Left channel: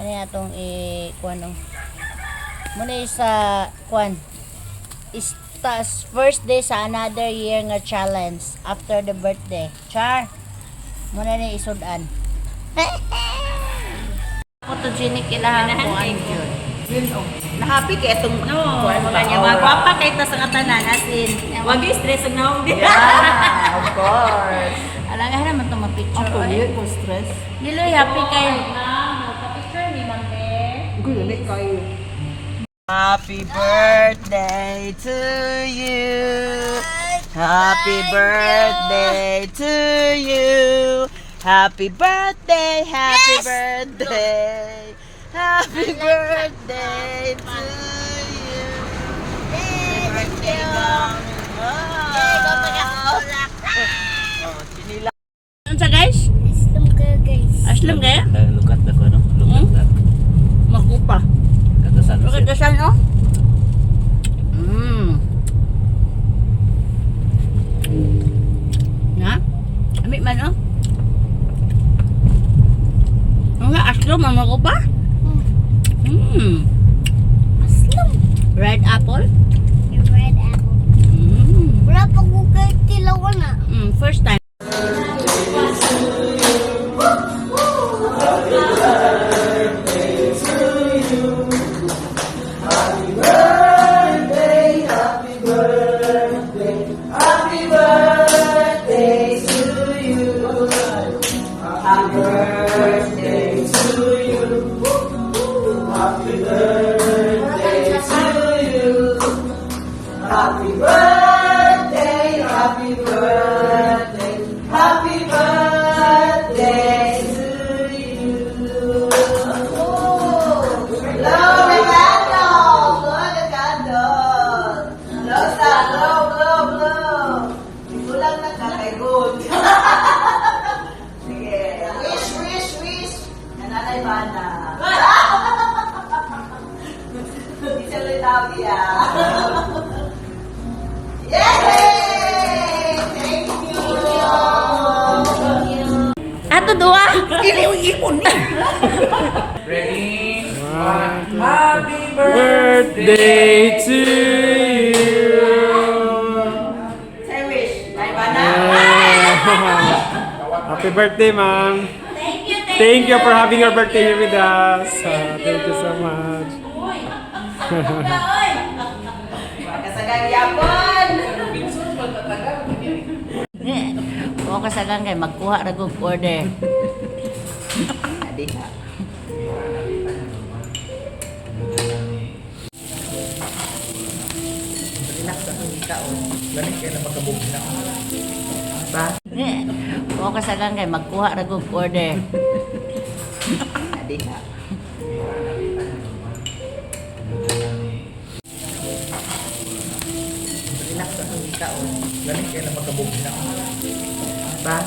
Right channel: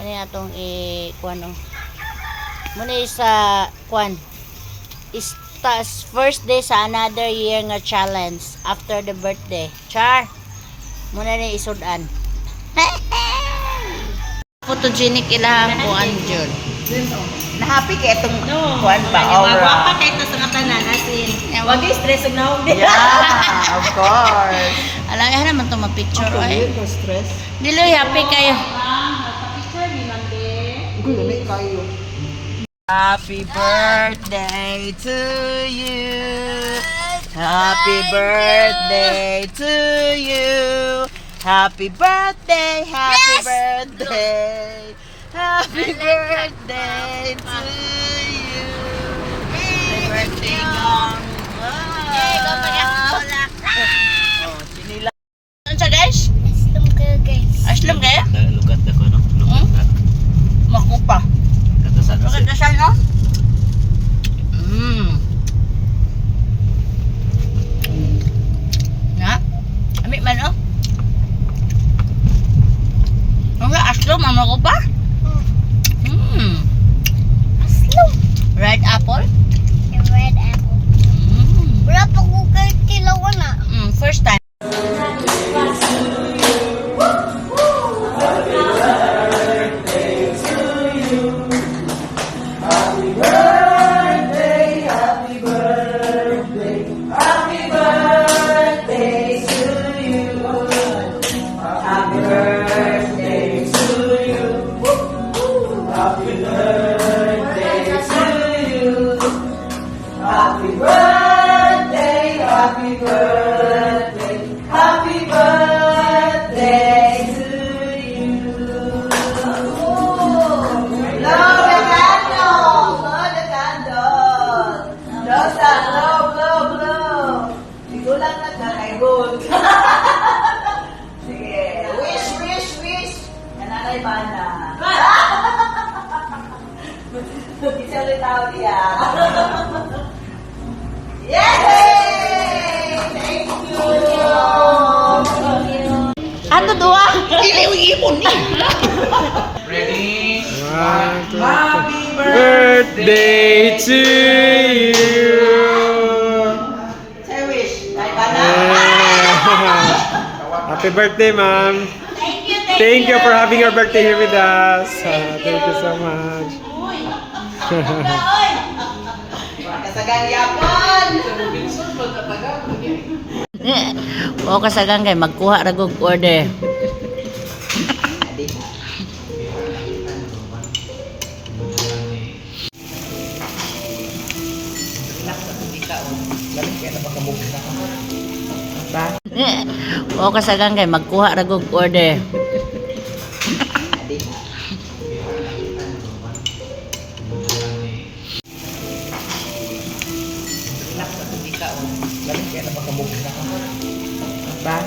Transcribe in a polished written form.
Kani atong kuan oh. Muna sa kuan. Is first day sa another year nga challenge after the birthday. Char. Muna ni isudan. Photogenic ilahang kuan jud. Na-happy kay itong kuan ba? Wapa kahit nasa katanan asin. Wag stress ang naong din. Yeah, of course. Alang naman to ma-picture Ako oy. yun, stress. Diloy happy kayo. Picture ni Mante. Gulit kayo. Happy birthday to you. Happy birthday to you. Happy birthday, happy birthday. Happy birthday to you. Happy birthday, gang. Oh, sinila. Ano sa guys? Aslum kayo guys. Aslum kayo? Lugat ako, no? Lugat ka. Makupa. Katasan Look at the sun, oh. Na? Ami man, oh. Ang aslum, ang makupa? Aslum. Red apple? Yung red apple. Wala pa ko kayo tilawan na. First time. Ato dua. Ready? Happy birthday to you. Say wish. Kay bana. Happy birthday, ma'am. Thank you for having your birthday here with us. Thank you so much. Kasagang yapon. O kasagang kay magkuha ra gug order. Ba? O kasagang kay magkuha ra gug order. Ba?